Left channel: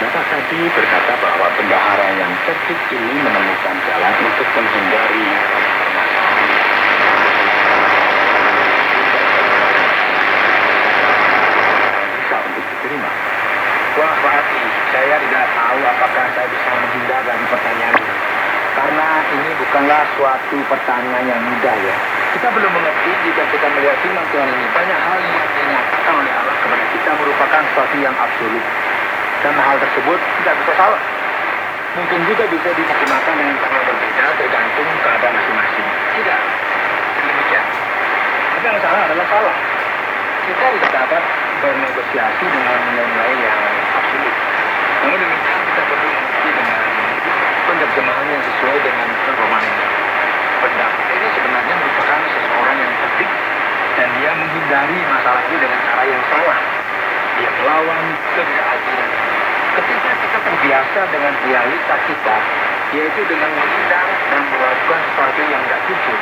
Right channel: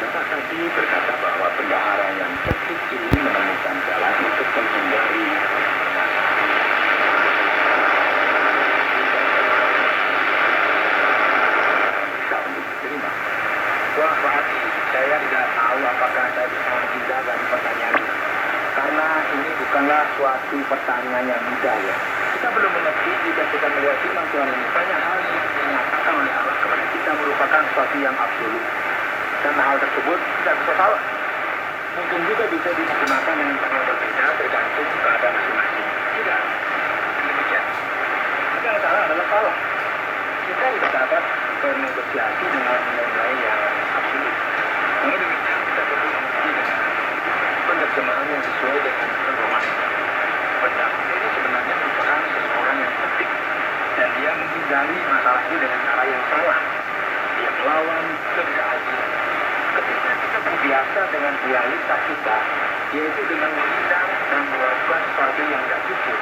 Bapak tadi berkata bahwa bendahara yang cerdik ini menemukan jalan untuk menghindari permasalahan. Bisa untuk diterima. Wah, Pak Ati, saya tidak tahu apakah saya bisa menghindar dari pertanyaan ini. Karena ini bukanlah suatu pertanyaan yang mudah ya. Kita belum mengerti jika kita melihat firman Tuhan ini. Banyak hal yang dinyatakan oleh Allah kepada kita merupakan sesuatu yang absolut. Dan hal tersebut tidak bisa salah. Mungkin juga bisa diterjemahkan dengan cara berbeda tergantung keadaan masing-masing. Tidak demikian. Tapi yang salah adalah salah. Kita tidak dapat bernegosiasi dengan nilai-nilai yang absolut. Namun demikian kita perlu mengerti dengan penerjemahan yang sesuai dengan pedoman ini. Pendapat ini sebenarnya merupakan seseorang yang cerdik dan dia menghindari masalah itu dengan cara yang salah. Dia melawan ketidakadilan. Ketika kita terbiasa dengan realitas kita, yaitu dengan menghindar dan melakukan sesuatu yang tidak jujur,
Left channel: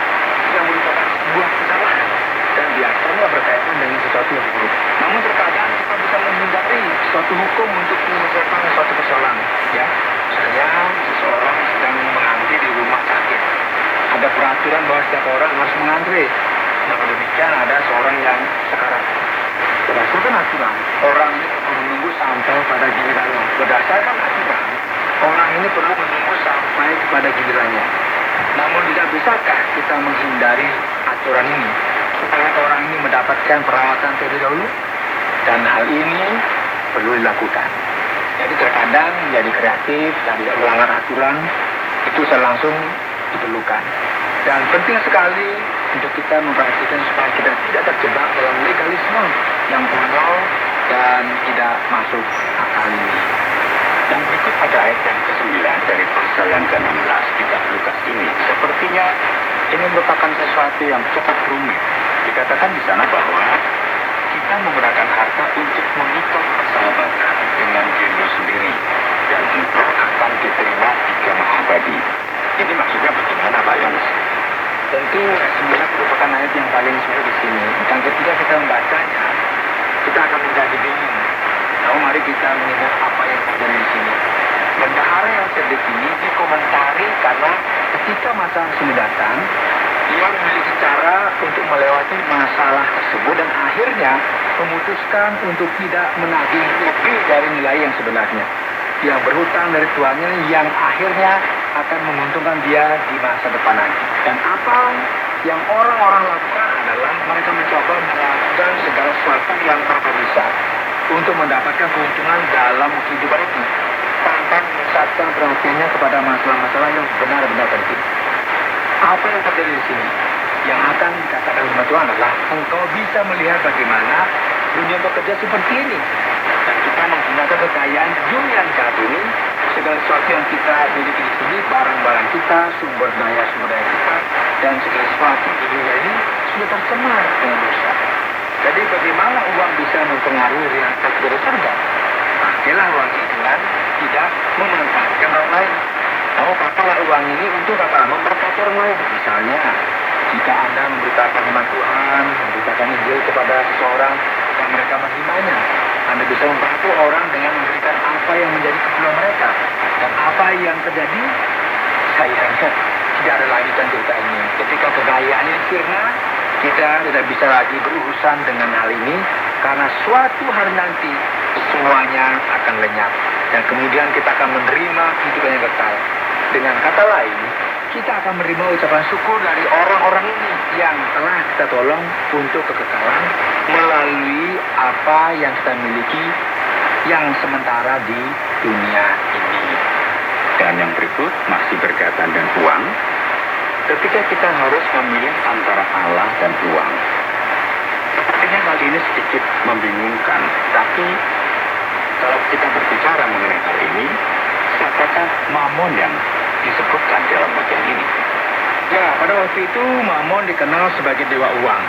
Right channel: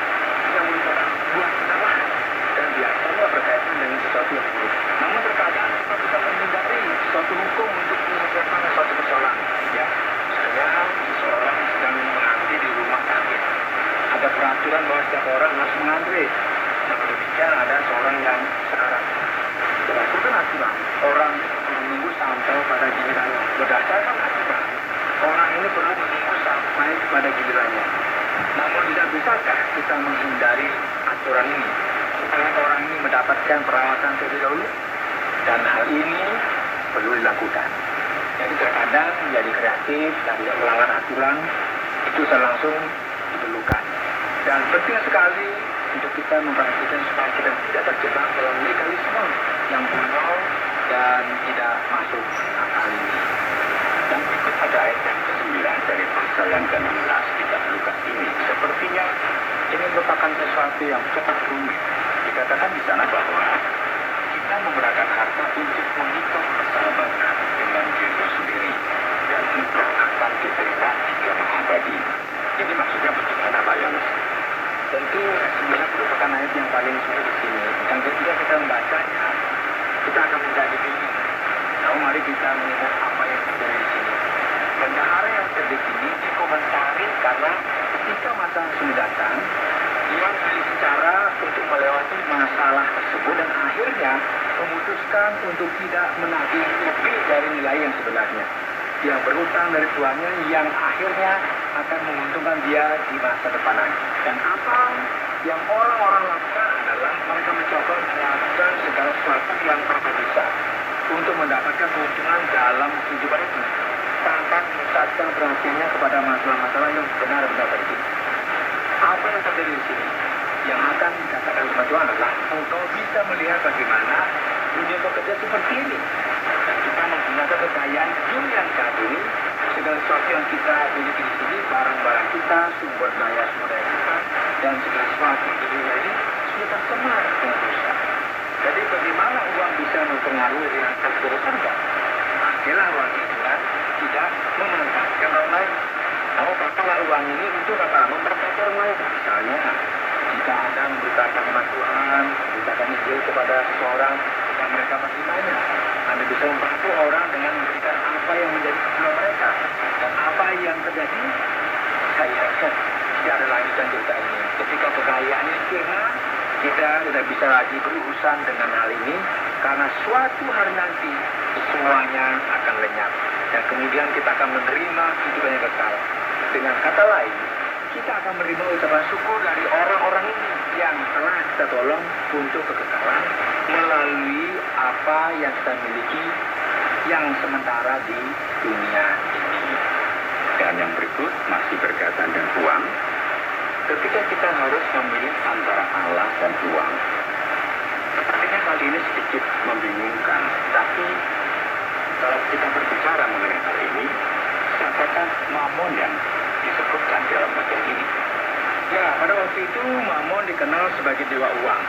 yang merupakan sebuah kesalahan dan biasanya berkaitan dengan sesuatu yang buruk. Namun terkadang kita bisa menghindari suatu hukum untuk menyelesaikan suatu persoalan. Ya, misalnya seseorang sedang mengantri di rumah sakit. Ada peraturan bahwa setiap orang harus mengantri. Namun demikian ada seorang yang sekarang berdasarkan aturan, orang ini perlu menunggu sampai pada gilirannya. Berdasarkan aturan, orang ini perlu menunggu sampai kepada gilirannya. Namun tidak bisakah kita menghindari aturan ini supaya orang ini mendapatkan perawatan terlebih dahulu? Dan hal ini perlu dilakukan. Jadi terkadang menjadi kreatif dan tidak melanggar aturan itu langsung diperlukan. Dan penting sekali untuk kita memperhatikan supaya kita tidak terjebak dalam legalisme yang konyol dan tidak masuk akal ini. Dan berikut ada ayat yang ke-9 dari pasal yang ke-16 kitab Lukas ini. Sepertinya ini merupakan sesuatu yang cukup rumit. Dikatakan di sana bahwa kita menggunakan harta untuk mengikat persahabatan dengan diri sendiri dan engkau akan diterima di kemah abadi. Ini maksudnya bagaimana Pak Yones? Tentu ayat 9 merupakan ayat yang paling sulit di sini. Dan ketika kita membacanya, kita akan menjadi bingung. Namun mari kita mengingat apa yang terjadi di sini. Bendahara yang cerdik ini dikomentari karena ketika masalah sudah datang, dia memiliki cara untuk melewati masalah tersebut dan akhirnya memutuskan untuk tidak menagih lebih dari nilai yang sebenarnya. Dia berhutang dari tuannya yang akhirnya akan menguntungkan dia di masa depan nanti. Dan apa yang orang-orang lakukan adalah mereka mencoba melakukan segala sesuatu yang mereka bisa untuk mendapatkan keuntungan dalam kehidupan itu tanpa memusatkan perhatiannya kepada masalah-masalah yang benar-benar penting. Apa yang terjadi di sini? Yang akan dikatakan oleh Tuhan adalah engkau bisa melihat bagaimana dunia bekerja seperti ini. Dan kita menggunakan kekayaan dunia saat ini, segala sesuatu yang kita miliki di sini, barang-barang kita, sumber daya kita, dan segala sesuatu di dunia ini sudah tercemar dengan dosa. Jadi bagaimana uang bisa mempengaruhi realitas dari surga? Pakailah uang ini dengan tidak memanfaatkan orang lain. Kamu pakailah uang ini untuk apa? Memberkati orang lain. Misalnya, jika Anda memberitakan firman Tuhan, memberitakan Injil kepada seseorang yang mereka menerimanya, Anda bisa membantu orang dengan memberikan apa yang menjadi keperluan mereka. Dan apa yang terjadi? Sayangnya tidak ada lanjutan cerita ini. Ketika kekayaan ini sirna, kita tidak bisa lagi berurusan dengan hal ini karena suatu hari nanti semuanya akan lenyap dan kemudian kita akan menerima kehidupan yang kekal. Dengan kata lain, kita akan menerima ucapan syukur dari orang-orang ini yang telah kita tolong untuk kekekalan melalui apa yang kita miliki yang sementara di dunia ini. Dan yang berikut masih berkaitan dengan uang. Ketika kita harus memilih antara Allah dan uang, sepertinya hal ini sedikit membingungkan. Tapi kalau kita berbicara mengenai hal ini, siapakah Mamon yang disebutkan dalam bagian ini? Ya, pada waktu itu Mamon dikenal sebagai dewa uang.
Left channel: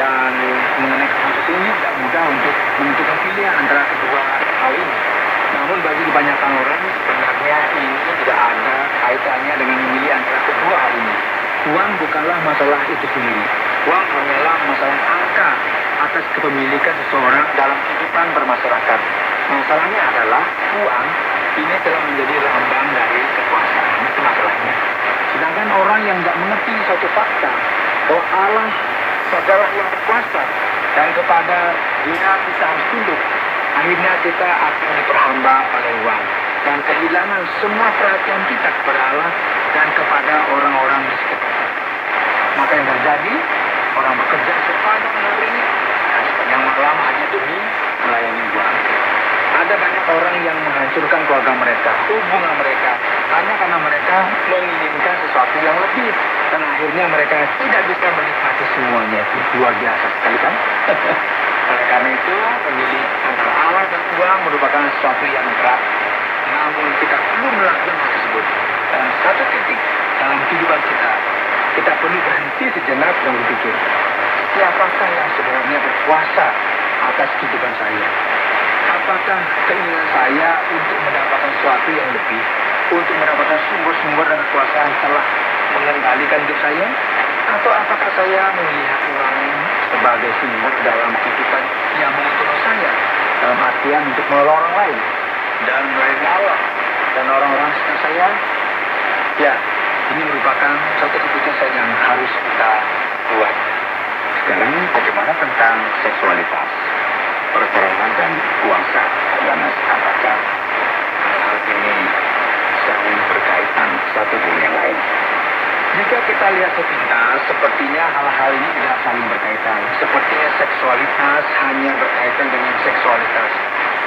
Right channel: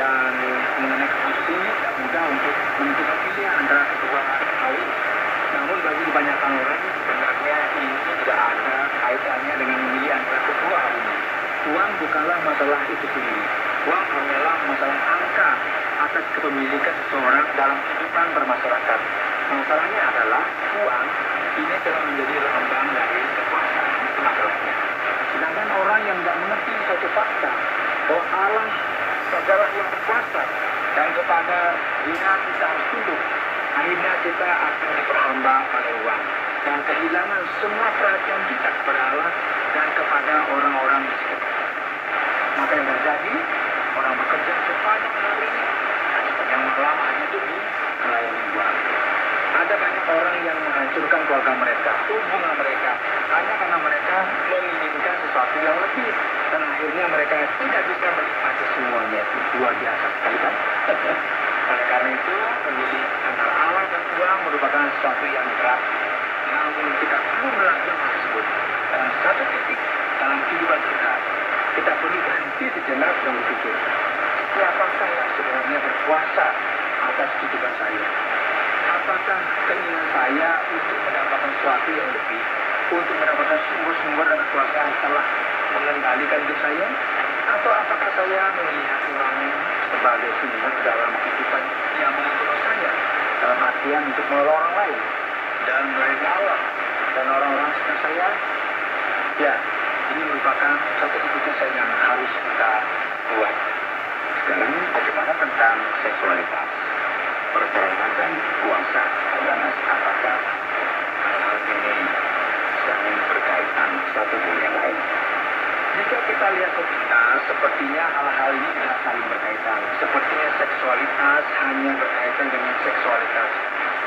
Dan mengenai kasus ini tidak mudah untuk menentukan pilihan antara kedua hal ini. Namun bagi kebanyakan orang sebenarnya ini tidak ada kaitannya dengan memilih antara kedua hal ini. Uang bukanlah masalah itu sendiri. Uang hanyalah masalah angka atas kepemilikan seseorang dalam kehidupan bermasyarakat. Masalahnya adalah uang ini telah menjadi lambang dari kekuasaan. Itu masalahnya. Sedangkan orang yang nggak mengerti suatu fakta bahwa Allah adalah yang berkuasa dan kepada Dia kita harus tunduk, akhirnya kita akan diperhamba oleh uang dan kehilangan semua perhatian kita kepada Allah dan kepada orang-orang di sekitar. Maka yang terjadi, orang bekerja sepanjang hari dan sepanjang malam hanya demi melayani uang. Ada banyak orang yang menghancurkan keluarga mereka, hubungan mereka, hanya karena mereka menginginkan sesuatu yang lebih. Dan akhirnya mereka tidak bisa menikmati semuanya. Itu luar biasa sekali kan? Oleh karena itu, memilih antara Allah dan uang merupakan sesuatu yang berat. Namun kita perlu melakukan hal tersebut. Dalam satu titik dalam kehidupan kita, kita perlu berhenti sejenak dan berpikir, siapakah yang sebenarnya berkuasa atas kehidupan saya? Apakah keinginan saya untuk mendapatkan sesuatu yang lebih, untuk mendapatkan sumber-sumber dan kekuasaan telah mengendalikan hidup saya? Atau apakah saya melihat orang sebagai sumber dalam kehidupan yang menguntungkan saya, dalam artian untuk menolong orang lain dan melayani Allah dan orang-orang sekitar saya? Ya, ini merupakan satu keputusan yang harus kita buat. Sekarang bagaimana tentang seksualitas, perperangan dan kuasa? Yohanes, apakah hal ini saling berkaitan satu dengan yang lain? Jika kita lihat sepintas, sepertinya hal-hal ini tidak saling berkaitan. Sepertinya seksualitas hanya berkaitan dengan seksualitas.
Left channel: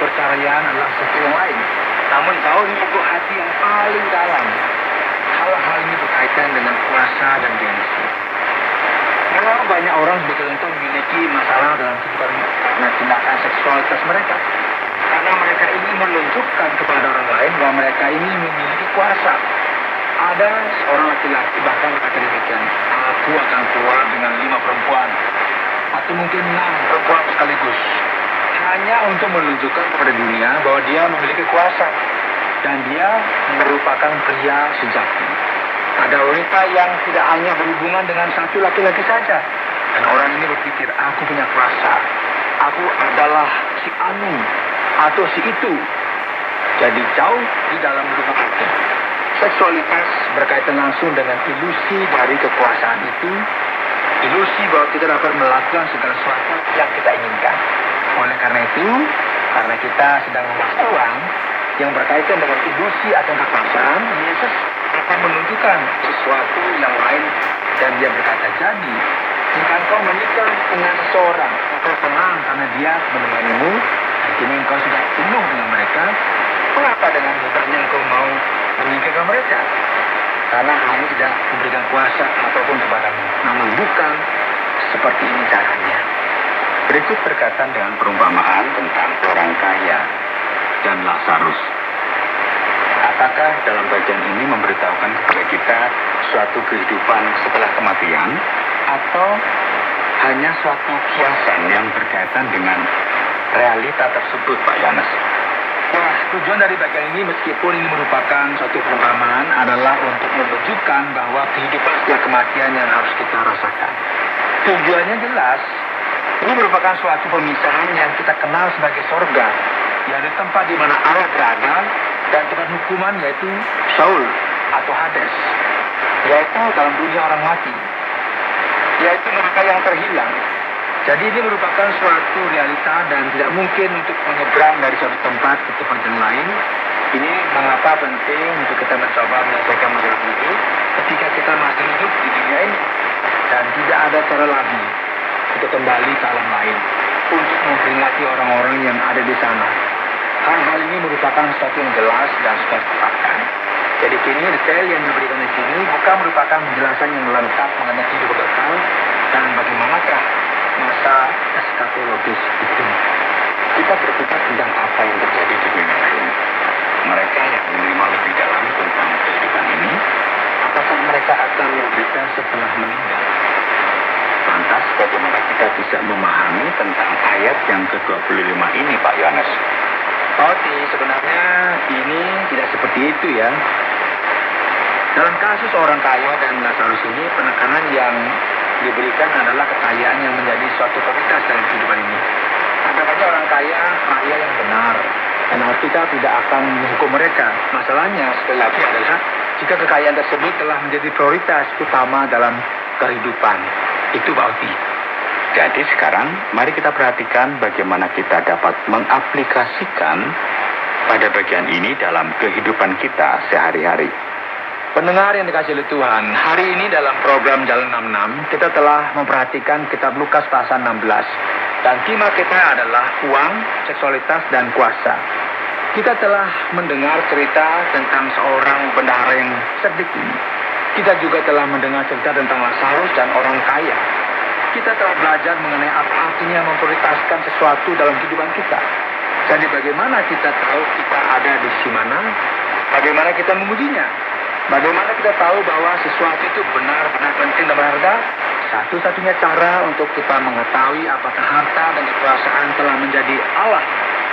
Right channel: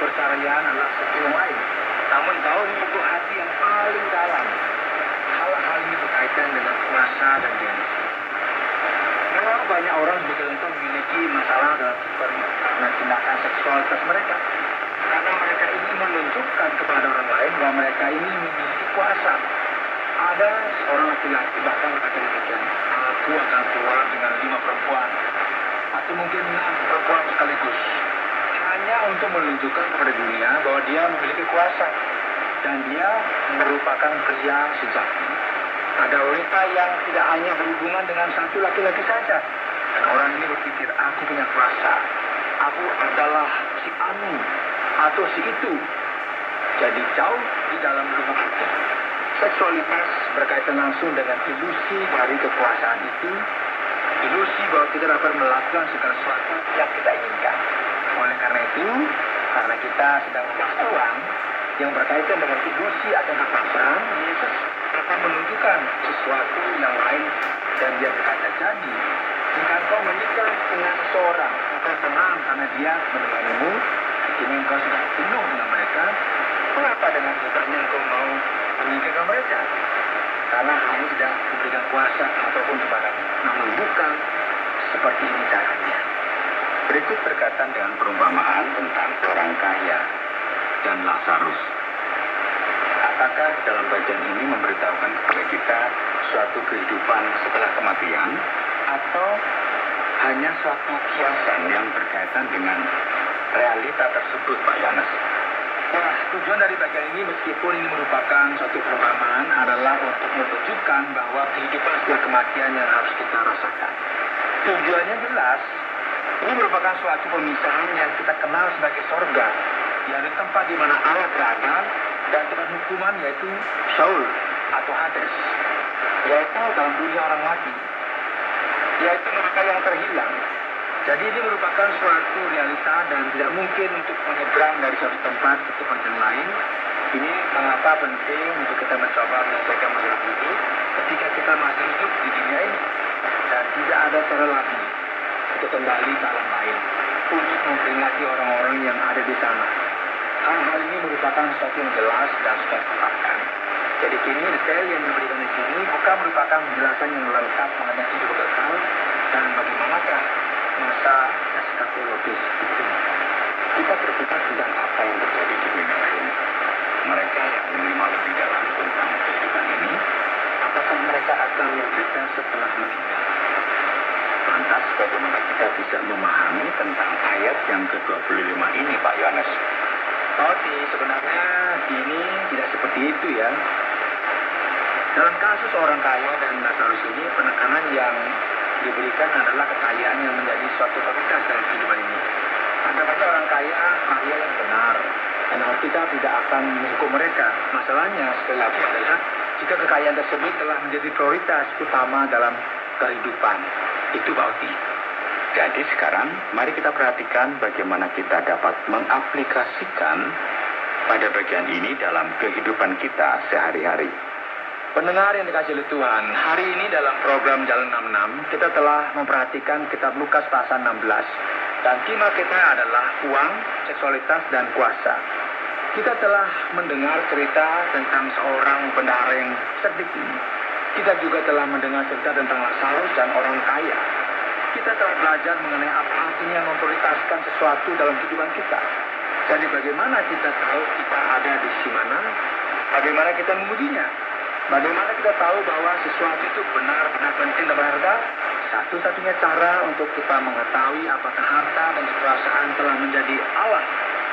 Perceraian adalah sesuatu yang lain. Namun kau menyentuh hati yang paling dalam. Hal-hal ini berkaitan dengan kuasa dan gengsi. Memang banyak orang betul-betul memiliki masalah dalam kehidupan karena tindakan seksualitas mereka. Karena mereka ingin menunjukkan kepada orang lain bahwa mereka ini memiliki kuasa. Ada seorang laki-laki bahkan berkata demikian, aku akan keluar dengan 5 perempuan atau mungkin 6 perempuan sekaligus, hanya untuk menunjukkan kepada dunia bahwa dia memiliki kuasa dan dia merupakan pria sejati. Ada wanita yang tidak hanya berhubungan dengan satu laki-laki saja, dan orang ini berpikir, aku punya kuasa, aku adalah si anu atau si itu. Jadi jauh di dalam rumah hati. Seksualitas berkaitan langsung dengan ilusi dari kekuasaan itu, ilusi bahwa kita dapat melakukan segala sesuatu yang kita inginkan. Oleh karena itu, karena kita sedang membahas uang yang berkaitan dengan ilusi atau kekuasaan, Yesus akan menunjukkan sesuatu yang lain dan dia berkata, jadi jika engkau menikah dengan seseorang, engkau senang karena dia menemanimu, akhirnya engkau sudah penuh dengan mereka, mengapa dengan mudahnya engkau mau meninggalkan mereka? Karena hal ini tidak memberikan kuasa ataupun kepadamu. Namun bukan seperti ini caranya. Berikut berkaitan dengan perumpamaan tentang orang kaya dan Lazarus. Apakah dalam bagian ini memberitahukan kepada kita suatu kehidupan setelah kematian atau hanya suatu kiasan yang berkaitan dengan realita tersebut, Pak Yohanes? Wah, tujuan dari bagian ini meskipun ini merupakan suatu perumpamaan adalah untuk menunjukkan bahwa kehidupan setelah kematian yang harus kita rasakan. Tujuannya jelas, ini merupakan suatu pemisahan yang kita kenal sebagai sorga, yaitu tempat di mana Allah berada, dan tempat hukuman yaitu Saul atau Hades, yaitu dalam dunia orang mati, yaitu mereka yang terhilang. Jadi ini merupakan suatu realita dan tidak mungkin untuk menyeberang dari suatu tempat ke tempat yang lain. Ini mengapa penting untuk kita mencoba menyelesaikan masalah ini ketika kita masih hidup di dunia ini. Dan tidak ada cara lagi untuk kembali ke alam lain untuk memperingati orang-orang yang ada di sana. Hal-hal ini merupakan sesuatu yang jelas dan sudah ditetapkan. Jadi kini detail yang diberikan di sini bukan merupakan penjelasan yang lengkap mengenai kehidupan kekal dan bagaimanakah masa eskatologis itu. Kita berpikir tentang apa yang terjadi di dunia lain. Mereka yang menerima lebih dalam tentang kehidupan ini, apakah mereka akan menderita setelah meninggal? Lantas bagaimana kita bisa memahami tentang ayat yang ke-25 ini, Pak Yohanes? Sebenarnya ini tidak seperti itu ya. Dalam kasus orang kaya dan Lazarus ini, penekanan yang diberikan adalah kekayaan yang menjadi suatu prioritas dalam kehidupan ini. Ada banyak orang kaya yang benar, Dan Alkitab tidak akan menghukum mereka. Masalahnya sekali lagi adalah jika kekayaan tersebut telah menjadi prioritas utama dalam kehidupan. Itu berarti. Jadi sekarang mari kita perhatikan bagaimana kita dapat mengaplikasikan pada bagian ini dalam kehidupan kita sehari-hari. Pendengar yang dikasihi oleh Tuhan, hari ini dalam program Jalan 66, kita telah memperhatikan kitab Lukas pasal 16. Dan tema kita adalah uang, seksualitas, dan kuasa. Kita telah mendengar cerita tentang seorang bendahara yang cerdik ini. Kita juga telah mendengar cerita tentang Lazarus dan orang kaya. Kita telah belajar mengenai apa artinya memprioritaskan sesuatu dalam kehidupan kita. Jadi bagaimana kita tahu kita ada di sisi mana? Bagaimana kita mengujinya? Bagaimana kita tahu bahwa sesuatu itu benar-benar penting dan berharga? Satu-satunya cara untuk kita mengetahui apakah harta dan kekuasaan telah menjadi Allah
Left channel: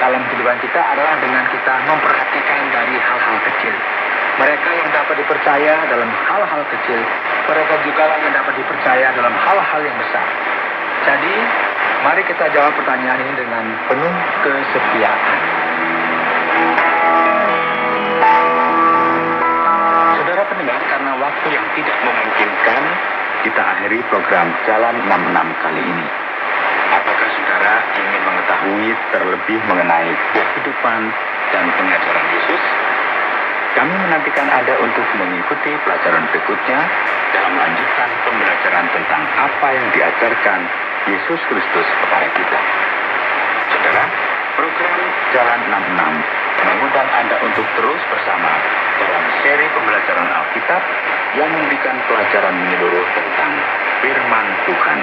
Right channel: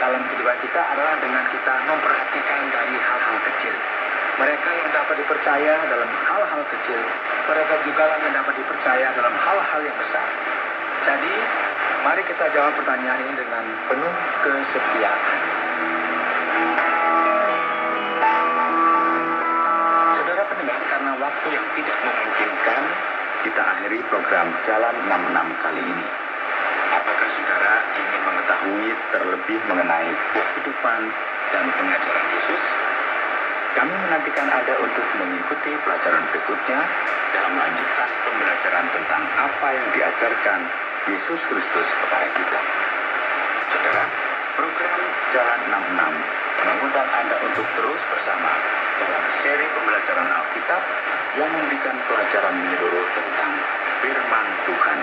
dalam kehidupan kita adalah dengan kita memperhatikan dari hal-hal kecil. Mereka yang dapat dipercaya dalam hal-hal kecil, mereka juga yang dapat dipercaya dalam hal-hal yang besar. Jadi, mari kita jawab pertanyaan ini dengan penuh kesetiaan. Saudara pendengar, karena waktu yang tidak memungkinkan, kita akhiri program Jalan 66 kali ini. Apakah saudara ingin mengetahui terlebih mengenai kehidupan dan pengajaran Yesus? Kami menantikan Anda untuk mengikuti pelajaran berikutnya dalam lanjutan pembelajaran tentang apa yang diajarkan Yesus Kristus kepada kita. Saudara, program Jalan 66 mengundang Anda untuk terus bersama dalam seri pembelajaran Alkitab yang memberikan pelajaran menyeluruh tentang firman Tuhan.